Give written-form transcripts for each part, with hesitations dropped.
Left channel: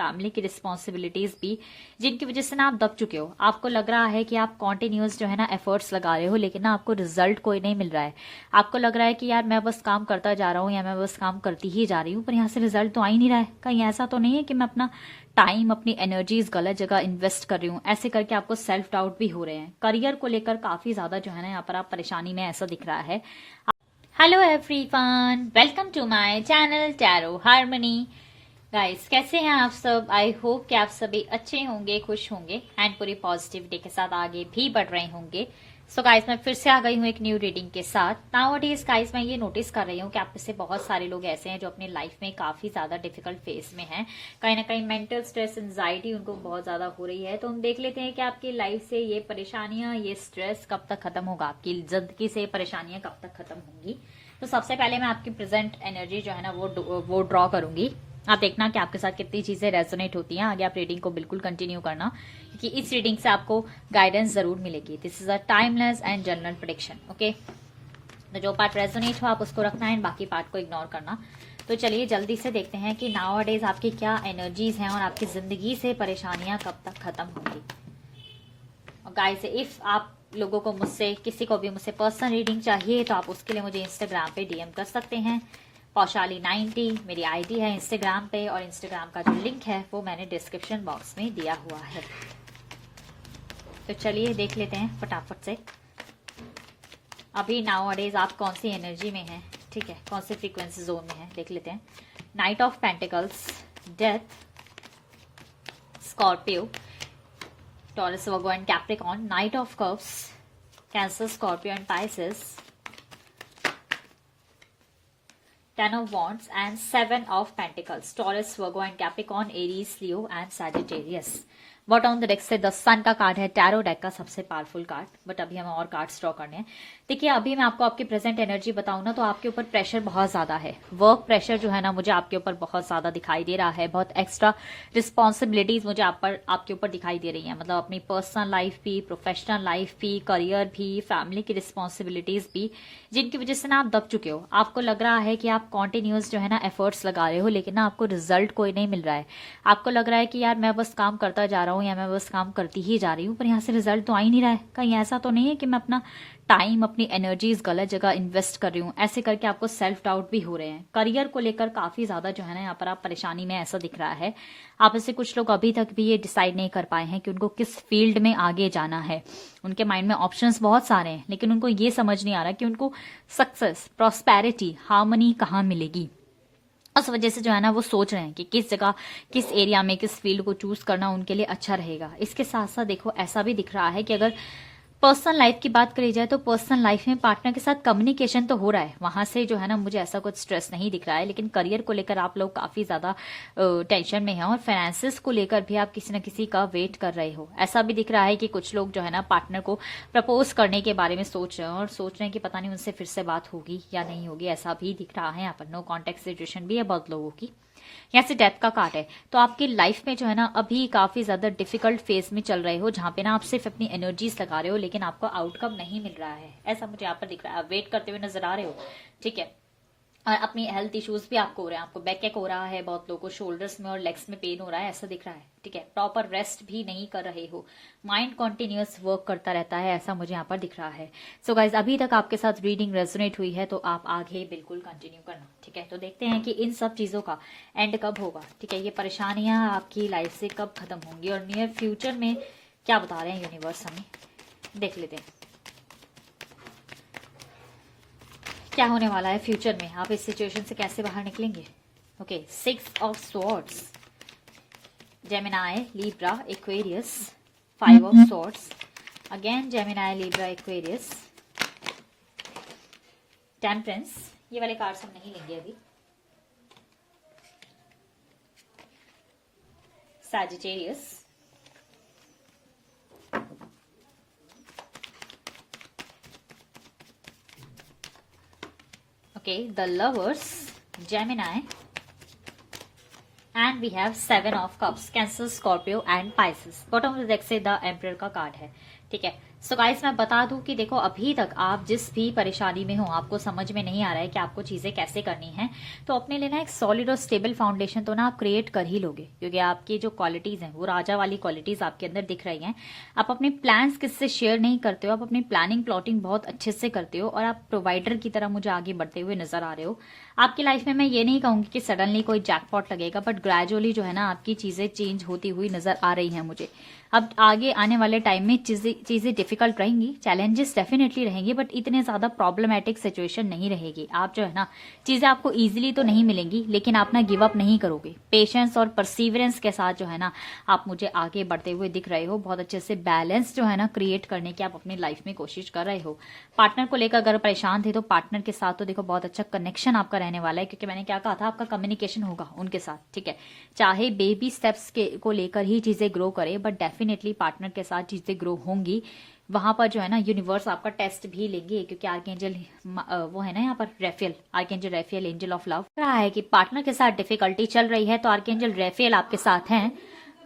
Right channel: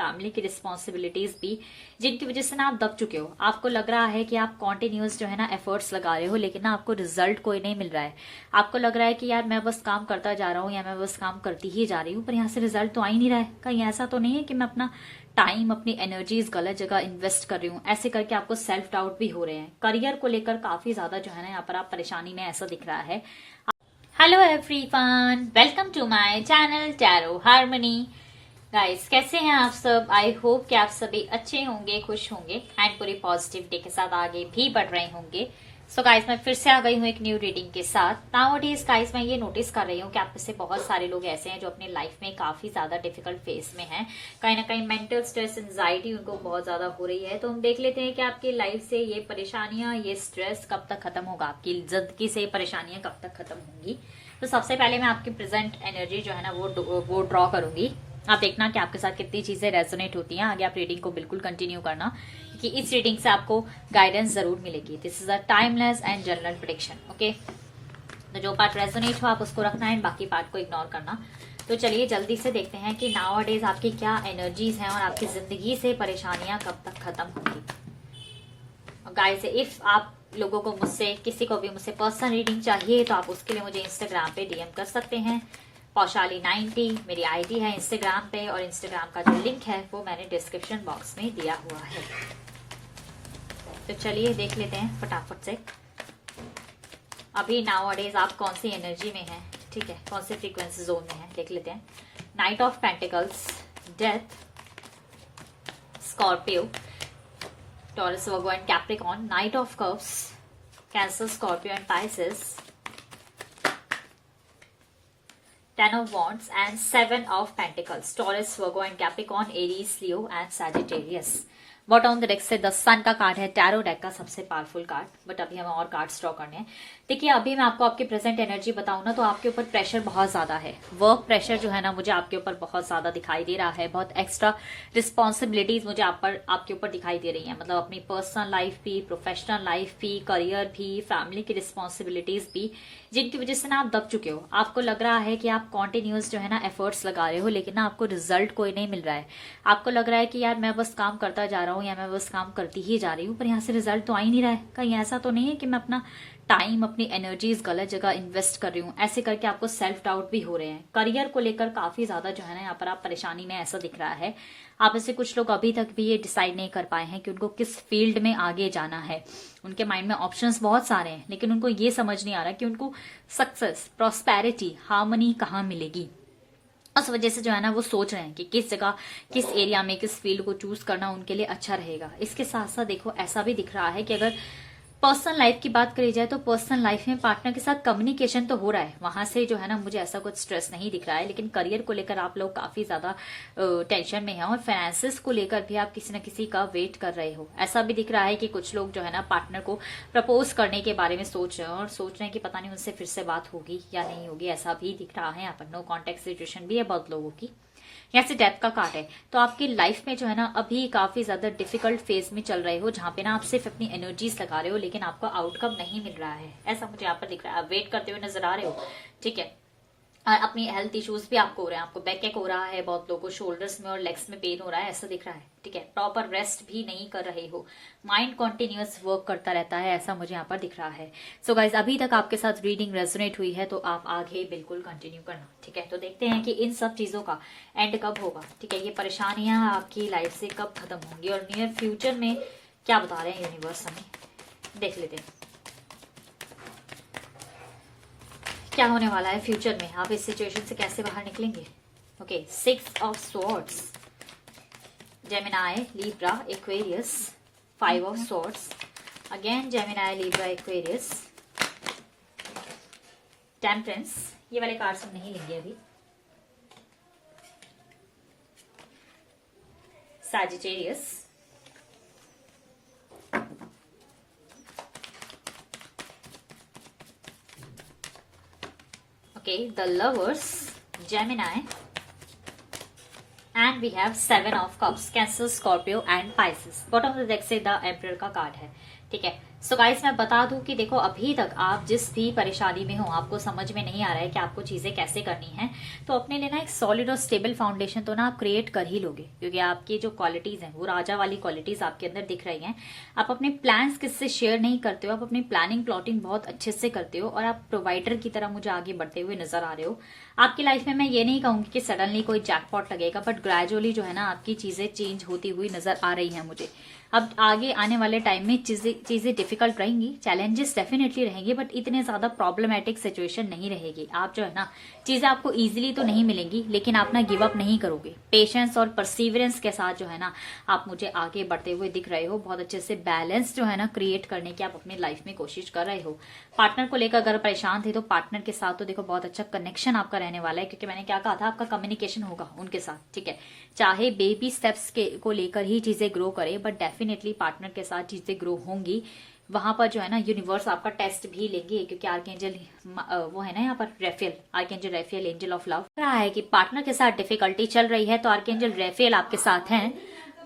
Family की responsibilities भी, जिनकी वजह से ना आप दब चुके हो। आपको लग रहा है कि आप कॉन्टिन्यूस जो है ना एफर्ट्स लगा रहे हो, लेकिन ना आपको रिजल्ट कोई नहीं मिल रहा है। आपको लग रहा है कि यार मैं बस काम करता जा रहा हूँ या मैं बस काम करती ही जा रही हूँ, पर यहाँ से रिजल्ट तो आ ही नहीं रहा है। कहीं ऐसा तो नहीं है कि मैं अपना टाइम, अपनी एनर्जीज गलत जगह इन्वेस्ट कर रही हूँ? ऐसे करके आपको सेल्फ डाउट भी हो रहे हैं। करियर को लेकर काफी ज्यादा जो है ना यहाँ पर आप परेशानी में, ऐसा दिख रहा है। Hello everyone, welcome to my channel tarot harmony. Guys, कैसे हैं आप सब? आई होप कि आप सभी अच्छे होंगे, खुश होंगे एंड पूरी पॉजिटिविटी के साथ आगे भी बढ़ रहे होंगे। सो गाइस, मैं फिर से आ गई हूँ एक न्यू रीडिंग के साथ। नाउअडेज गाइस, मैं ये नोटिस कर रही हूँ कि आप में से बहुत सारे लोग ऐसे हैं जो अपनी लाइफ में काफी ज्यादा डिफिकल्ट फेज में हैं। कहीं ना कहीं मेंटल स्ट्रेस, एंजाइटी उनको बहुत ज्यादा हो रही है। तो हम देख लेते हैं कि आपकी लाइफ से ये परेशानियां, ये स्ट्रेस कब तक खत्म होगा, आपकी जिंदगी से ये परेशानियां कब तक खत्म होंगी। तो सबसे पहले मैं आपकी प्रेजेंट एनर्जी जो है ना वो ड्रॉ करूंगी। आप देखना कि आपके साथ कितनी चीजें रेजोनेट होती हैं। आगे आप रीडिंग को बिल्कुल कंटिन्यू करना, क्योंकि इस रीडिंग से आपको गाइडेंस जरूर मिलेगी। This is a timeless and general prediction, okay. तो जो पार्ट रेजोनेट हो आप उसको रखना है, बाकी पार्ट को इग्नोर करना। तो चलिए जल्दी से देखते हैं कि नाउअडेज आपकी क्या एनर्जीज हैं और आपकी जिंदगी से परेशानियां कब तक खत्म होंगी। गाइस, इफ आप लोगों को मुझसे, किसी को भी मुझसे पर्सनल रीडिंग चाहिए तो आप उसके लिए मुझे इंस्टाग्राम पे डीएम कर सकते हैं। पौशाली90 मेरी आईडी है इंस्टाग्राम पे, और इंस्टाग्राम का जो लिंक है वो मैंने डिस्क्रिप्शन बॉक्स में दिया हुआ है। तो चलिए देख लेते हैं फटाफट से अभी नाउअडेज आप कौन सी एनर्जी में हैं, ठीक है, कौन सी फ्रीक्वेंसी जोन में है, देख लेते हैं। Night of pentacles, death, Scorpio, taurus, Virgo and Capricorn, night of cups, cancer, Scorpio and Pisces, 10 of Wands and 7 of Pentacles, Taurus, Virgo and Capricorn, Aries, Leo and Sagittarius। Bottom of the deck से the सन का card है, tarot deck का सबसे powerful card. But अभी हमें और cards draw करने हैं। देखिए, अभी मैं आपको आपकी प्रेजेंट एनर्जी बताऊं ना, तो आपके ऊपर प्रेशर बहुत ज्यादा है। वर्क प्रेशर जो है ना मुझे आपके ऊपर बहुत ज्यादा दिखाई दे रहा है। बहुत एक्स्ट्रा रिस्पॉन्सिबिलिटीज मुझे आपके ऊपर दिखाई दे रही है। मतलब अपनी पर्सनल लाइफ भी, प्रोफेशनल लाइफ भी, करियर भी, फैमिली की रिस्पॉन्सिबिलिटीज भी, जिनकी वजह से ना आप दब चुके हो। आपको लग रहा है कि आप कॉन्टिन्यूस जो है ना एफर्ट्स लगा रहे हो, लेकिन ना आपको रिजल्ट कोई नहीं मिल रहा है। आपको लग रहा है कि यार मैं बस काम करता जा रहा हूँ या मैं बस काम करती ही जा रही हूँ, पर यहाँ से रिजल्ट तो आ ही नहीं रहा है। कहीं ऐसा तो नहीं है कि मैं अपना टाइम, अपनी एनर्जीज गलत जगह इन्वेस्ट कर रही हूँ? ऐसे करके आपको सेल्फ डाउट भी हो रहे हैं। करियर को लेकर काफी ज्यादा जो है ना यहाँ पर आप परेशानी में, ऐसा दिख रहा है। आप में से कुछ लोग अभी तक भी ये डिसाइड नहीं कर पाए हैं कि उनको किस फील्ड में आगे जाना है। उनके माइंड में ऑप्शंस बहुत सारे हैं, लेकिन उनको ये समझ नहीं आ रहा कि उनको सक्सेस, प्रॉस्पेरिटी, हार्मनी कहाँ मिलेगी। उस वजह से जो है ना वो सोच रहे हैं कि किस जगह, किस एरिया में, किस फील्ड को चूज करना उनके लिए अच्छा रहेगा। इसके साथ साथ देखो, ऐसा भी दिख रहा है कि अगर पर्सनल लाइफ की बात करी जाए तो पर्सनल लाइफ में पार्टनर के साथ कम्युनिकेशन तो हो रहा है, वहां से जो है ना मुझे ऐसा कुछ स्ट्रेस नहीं दिख रहा है। लेकिन करियर को लेकर आप लोग काफी ज्यादा टेंशन में हैं, और फाइनेंसिस को लेकर भी आप किसी न किसी का वेट कर रहे हो। ऐसा भी दिख रहा है कि कुछ लोग जो है ना पार्टनर को प्रपोज करने के बारे में सोच रहे हैं, और सोच रहे हैं कि पता नहीं उनसे फिर से बात होगी या नहीं होगी। ऐसा भी दिख रहा है। यहाँ पर नो कॉन्टेक्ट सिचुएशन भी है बहुत लोगों की। यहाँ से डेथ का कार्ड है। तो आपकी लाइफ में जो है ना अभी काफी ज्यादा डिफिकल्ट फेज में चल रहे हो, जहां पे ना आप सिर्फ अपनी एनर्जीज लगा रहे हो, लेकिन आपको आउटकम नहीं मिल रहा है। ऐसा मुझे यहाँ पर दिख रहा है। आप वेट करते हुए नजर आ रहे हो, ठीक है। और अपनी हेल्थ इश्यूज भी आपको हो रहे हैं। आपको बैक एक हो रहा है, बहुत लोगों को शोल्डर्स में और लेग्स में पेन हो रहा है, ऐसा दिख रहा है, ठीक है। प्रॉपर रेस्ट भी नहीं कर रहे हो। माइंड कॉन्टिन्यूअस वर्क करता रहता है, ऐसा मुझे यहाँ पर दिख रहा है। सो गाइज, अभी तक आपके साथ रीडिंग रेजोनेट हुई है तो आप आगे बिल्कुल कंटिन्यू करना, ठीक है। तो देखते हैं कि इन सब चीजों का एंड कब होगा, ठीक है। ये परेशानियां आपकी लाइफ से कब खत्म होंगी, और नियर फ्यूचर में क्या बता रहे हैं यूनिवर्स हमें, देख लेते हैं क्या होने वाला है फ्यूचर में। आप इस सिचुएशन से कैसे बाहर निकलेंगे। Okay, 6 of swords, Gemini, Libra, Aquarius, 5 of swords, again Gemini, Libra, Aquarius, temperance. ये वाले कार्ड्स हम नहीं लेंगे अभी। Sagittarius, okay, the lovers, Gemini, and we have 7 of cups, Cancer, Scorpio and Pisces। Bottom of the deck से the emperor का card है। ठीक है। सो गाइस मैं बता दूं कि देखो अभी तक आप जिस भी परेशानी में हो, आपको समझ में नहीं आ रहा है कि आपको चीजें कैसे करनी है, तो अपने लिए ना एक सॉलिड और स्टेबल फाउंडेशन तो ना आप क्रिएट कर ही लोगे, क्योंकि आपकी जो क्वालिटीज हैं वो राजा वाली क्वालिटीज आपके अंदर दिख रही हैं। आप अपने प्लान्स किससे शेयर नहीं करते हो, आप अपनी प्लानिंग प्लॉटिंग बहुत अच्छे से करते हो और आप प्रोवाइडर की तरह मुझे आगे बढ़ते हुए नजर आ रहे हो। आपकी लाइफ में मैं ये नहीं कहूंगी कि सडनली कोई जैकपॉट लगेगा, बट ग्रेजुअली जो है ना आपकी चीजें चेंज होती हुई नजर आ रही है मुझे। अब आगे आने वाले टाइम में चीजें डिफिकल्ट रहेंगी, चैलेंजेस डेफिनेटली रहेंगे, बट इतने ज्यादा प्रॉब्लमेटिक सिचुएशन नहीं रहेगी। आप जो है ना चीजें आपको इजीली तो नहीं मिलेंगी, लेकिन आप ना गिव अप नहीं करोगे। पेशेंस और परसिवरेंस के साथ जो है ना आप मुझे आगे बढ़ते हुए दिख रहे हो। बहुत अच्छे से बैलेंस जो है ना क्रिएट करने की आप अपनी लाइफ में कोशिश कर रहे हो। पार्टनर को लेकर अगर परेशान थे तो पार्टनर के साथ तो देखो बहुत अच्छा कनेक्शन आपका रहने वाला है, क्योंकि मैंने क्या कहा था, आपका कम्युनिकेशन होगा उनके साथ। ठीक है, चाहे बेबी स्टेप्स को लेकर ही चीजें ग्रो करे, बट डेफिनेटली पार्टनर के साथ चीजें ग्रो होंगी। वहां पर जो है ना यूनिवर्स आपका टेस्ट भी लेंगे, क्योंकि आर्कएंजल वो है ना यहाँ पर रेफेल, आर्कएंजल रेफेल एंजल ऑफ लव रहा है कि पार्टनर के साथ डिफिकल्टी चल रही है, तो आर्कएंजल रेफेल आपके साथ हैं।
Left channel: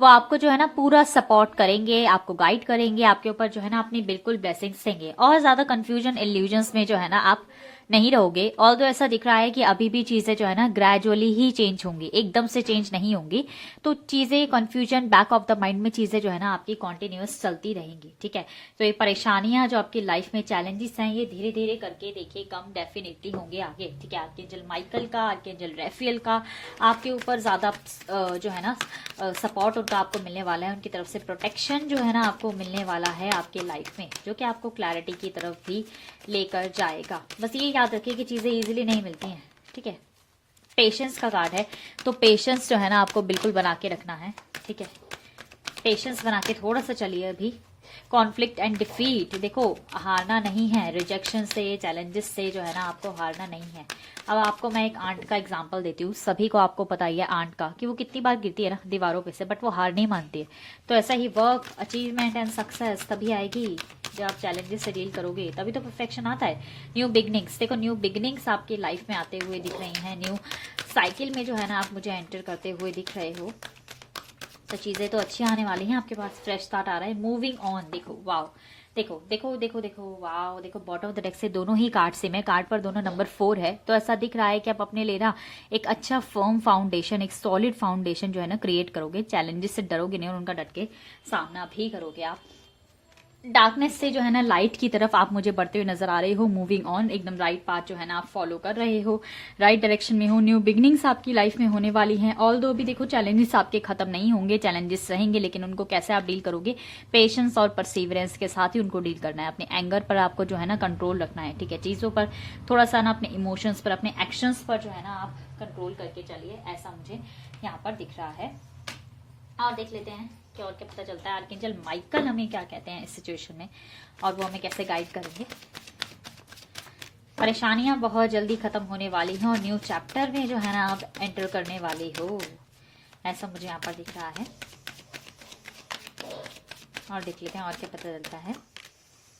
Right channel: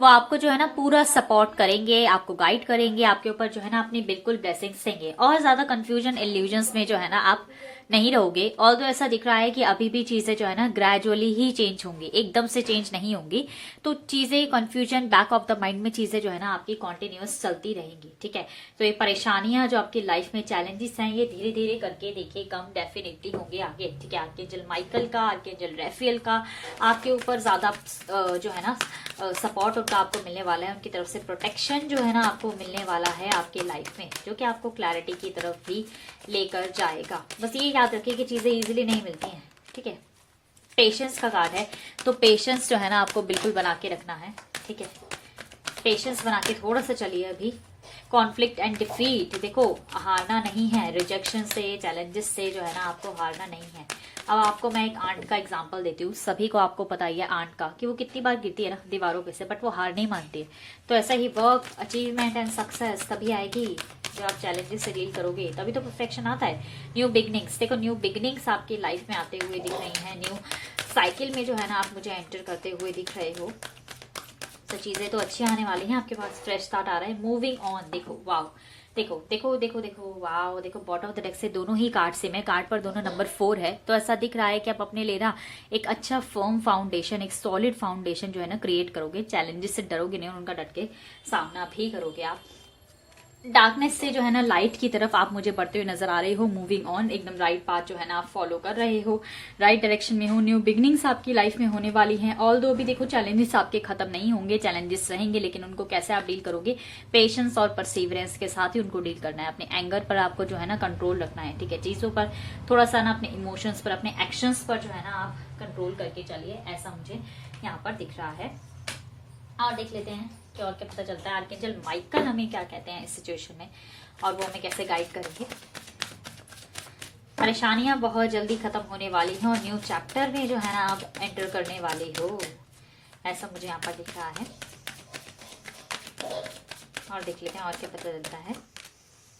वो आपको जो है ना पूरा सपोर्ट करेंगे, आपको गाइड करेंगे, आपके ऊपर जो है ना अपनी बिल्कुल ब्लेसिंग्स देंगे, और ज्यादा कंफ्यूजन इल्यूजन्स में जो है ना आप नहीं रहोगे। और तो ऐसा दिख रहा है कि अभी भी चीजें जो है ना ग्रेजुअली ही चेंज होंगी, एकदम से चेंज नहीं होंगी। तो चीजें confusion back of the mind में चीजें जो है ना आपकी कॉन्टिन्यूअस चलती रहेंगी। ठीक है, तो ये परेशानियां जो आपकी लाइफ में चैलेंजेस हैं, ये धीरे धीरे करके देखिए कम डेफिनेटली होंगे आगे। ठीक है, आर्कएंजल माइकल का, आर्कएंजल रेफेल का आपके ऊपर ज्यादा जो है ना सपोर्ट उनका आपको मिलने वाला है, उनकी तरफ से प्रोटेक्शन जो है ना आपको मिलने वाला है आपके लाइफ में, जो कि आपको क्लैरिटी की तरफ भी लेकर जाएगा। बस ये याद रखिए कि चीजें इजीली नहीं मिलती हैं। ठीक है, पेशेंस का कार्ड है, तो पेशेंस जो है ना आपको बिल्कुल बना के रखना है। ठीक है, पेशेंस बना के थोड़ा सा चलिए। अभी कॉन्फ्लिक्ट एंड डिफीट, देखो हारना नहीं है, रिजेक्शन से चैलेंजेस से जो है ना आपको हारना नहीं है। अब आपको मैं एक आंट का एग्जांपल देती हूँ। सभी को आपको पता ही है आंट का कि वो कितनी बार गिरती है ना दीवारों पे से, बट वो हार नहीं मानती है। तो ऐसा ही वर्क, अचीवमेंट एंड सक्सेस तभी आएगी जब आप चैलेंजेस से डील करोगे, तभी तो परफेक्शन आता है। न्यू बिगनिंग्स, देखो न्यू बिगनिंग्स आपकी लाइफ में आते हुए दिख रही हैं। न्यू साइकिल में जो है ना आप मुझे एंटर करते हुए दिख रहे हो, तो चीजें तो अच्छी आने वाली हैं आपके पास। फ्रेश स्टार्ट आ रहा है, मूविंग ऑन। देखो वाओ, देखो देखो देखो देखो वाओ, देखो बॉटम ऑफ द डेक से दोनों ही कार्ड से, मैं कार्ड पर दोनों नंबर 4 है, तो ऐसा दिख रहा है कि आप अपने लिए ना एक अच्छा फर्म फाउंडेशन, एक सॉलिड फाउंडेशन जो है ना क्रिएट करोगे। चैलेंजेस से डरोगे नहीं और उनका डट के सामना भी करोगे आप। डार्कनेस से जो है ना लाइट की तरफ आप मुझे बढ़ते हुए नजर आ रहे हो। मूविंग ऑन, एकदम राइट पाथ जो है ना आप फॉलो कर रहे हो, राइट डायरेक्शन में हो। न्यू बिगनिंग्स आपकी लाइफ में होने वाली हैं। ऑल दो अभी देखो चैलेंजेस आपके खत्म नहीं होंगे, चैलेंजेस रहेंगे, लेकिन उनको कैसे आप डील करोगे, पेशेंस और परसिवरेंस के साथ ही उनको डील करना है। अपने एंगर पर आपको जो है ना कंट्रोल रखना है। ठीक है, चीजों पर थोड़ा सा ना अपने इमोशंस पर, अपने एक्शंस पर जो है ना आप कंट्रोल करके चलिए, ऐसा मुझे यहाँ पर दिख रहा है। और देख लेते हैं कि और क्या पता चलता है। आर्कएंजल माइकल हमें क्या कहते हैं इस सिचुएशन में, और वो हमें कैसे गाइड करेंगे। परेशानियां बहुत जल्दी खत्म होने वाली हैं और न्यू चैप्टर में जो है ना आप एंटर करने वाले हो, ऐसा मुझे यहाँ पर दिख रहा है। और देख लेते हैं और क्या पता चलता है।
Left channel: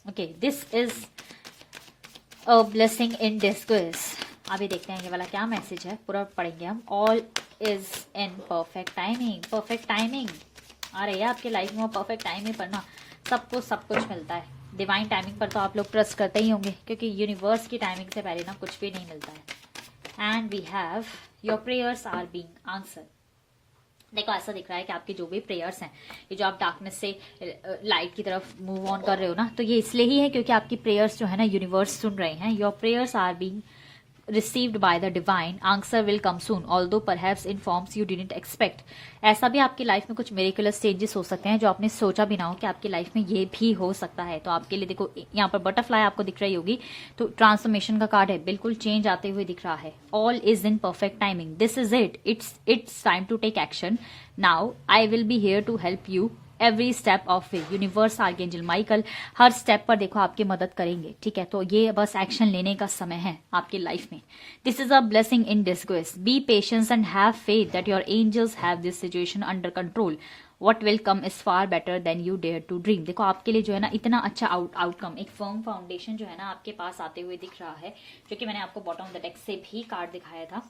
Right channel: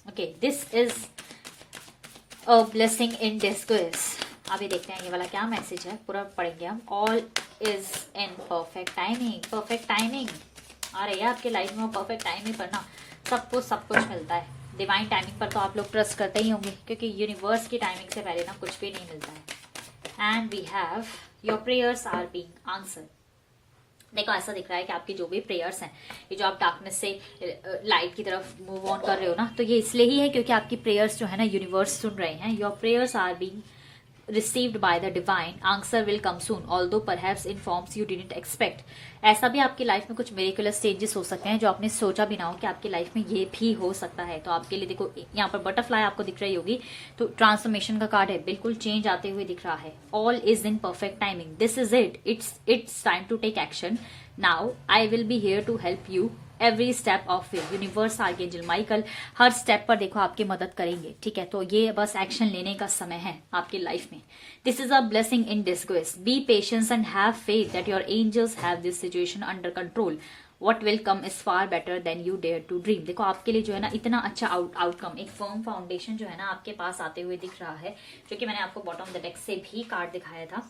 Okay, this is a blessing in disguise. अभी देखते हैं ये वाला क्या मैसेज है, पूरा पढ़ेंगे हम। All is in perfect timing, perfect timing आ रही है आपके लाइफ में। परफेक्ट टाइमिंग पर ना सबको सब कुछ मिलता है। डिवाइन टाइमिंग पर तो आप लोग ट्रस्ट करते ही होंगे, क्योंकि यूनिवर्स की टाइमिंग से पहले ना कुछ भी नहीं मिलता है। And we have your prayers are being answered. देखो ऐसा दिख रहा है कि आपकी जो भी प्रेयर्स हैं, ये जो आप डार्कनेस से लाइट की तरफ मूव ऑन कर रहे हो ना, तो ये इसलिए ही है क्योंकि आपकी प्रेयर्स जो है ना यूनिवर्स सुन रहे हैं। Your prayers are being received by the divine, answer will come soon, although perhaps in forms you didn't expect। ऐसा भी आपकी लाइफ में कुछ मेरिकुलस चेंजेस हो सकते हैं जो आपने सोचा भी ना हो कि आपकी लाइफ में ये भी हो सकता है। तो आपके लिए देखो यहाँ पर बटरफ्लाई आपको दिख रही होगी, तो ट्रांसफॉर्मेशन का कार्ड है, बिल्कुल चेंज आते हुए दिख रहा है। All is in perfect timing, this is it, it's time to take action now, I will be here to help you every step of way. Universe, archangel Michael हर स्टेप पर देखो आपकी मदद करेंगे। ठीक है, तो ये बस एक्शन लेने का समय है आपकी लाइफ में। This is a blessing in disguise, be patience and have faith that your angels have this situation under control. What will come is far better than you dare to dream। देखो आपके लिए जो है ना इतना अच्छा outcome, एक firm foundation जो है ना आपके पास आते हुए दिख रहा है, जो कि मैंने आपको बॉटम ऑफ द डेक से भी कार्ड दिखाया था।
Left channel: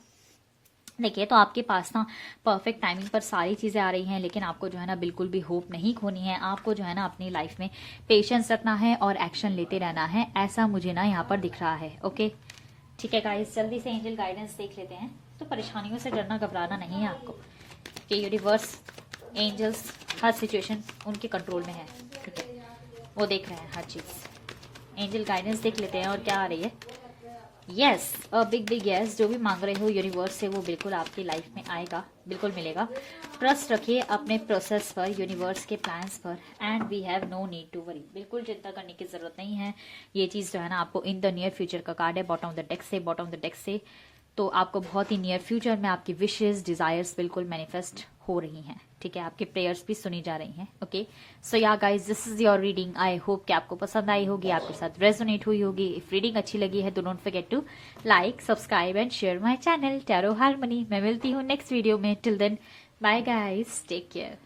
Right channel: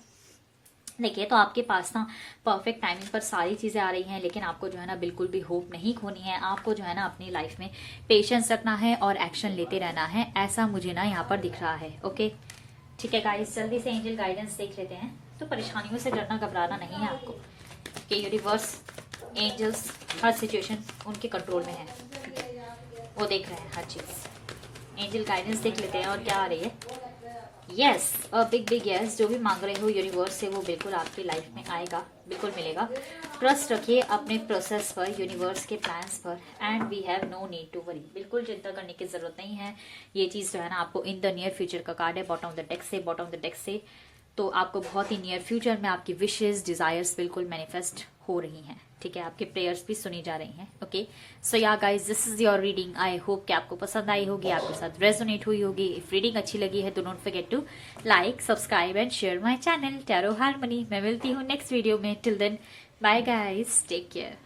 देखिए, तो आपके पास ना परफेक्ट टाइमिंग पर सारी चीजें आ रही हैं, लेकिन आपको जो है ना बिल्कुल भी होप नहीं खोनी है। आपको जो है ना अपनी लाइफ में पेशेंस रखना है और एक्शन लेते रहना है, ऐसा मुझे ना यहाँ पर दिख रहा है। ओके, ठीक है गाइस, जल्दी से एंजल गाइडेंस देख लेते हैं। तो परेशानियों से डरना घबराना नहीं है आपको, कि यूनिवर्स, एंजल्स हर सिचुएशन उनके कंट्रोल में है, ठीक है, वो देख रहे हैं हर चीज। एंजल गाइडेंस देख लेते हैं और क्या आ रही है। Yes, a big big yes, जो भी मांग रहे हो यूनिवर्स से वो बिल्कुल आपकी लाइफ में आएगा, बिल्कुल मिलेगा। ट्रस्ट रखिए अपने प्रोसेस पर, यूनिवर्स के प्लान्स पर, and we have no need to worry, बिल्कुल चिंता करने की जरूरत नहीं है। ये चीज जो है ना आपको इन द नियर फ्यूचर का कार्ड है, बॉटम ऑफ द डेक से, बॉटम ऑफ द डेक से। तो आपको बहुत ही नियर फ्यूचर में आपकी विशेस, डिजायर्स बिल्कुल मैनिफेस्ट हो रही हैं, ठीक है, आपकी प्रेयर्स भी सुनी जा रही हैं। Okay, so yeah guys, this is your reading. I hope कि आपको पसंद आई होगी, आपके साथ रेजोनेट हुई होगी। इफ रीडिंग अच्छी लगी है तो don't forget to like, subscribe and share my channel tarot harmony. मैं मिलती हूँ नेक्स्ट वीडियो में। Till then, bye guys, take care.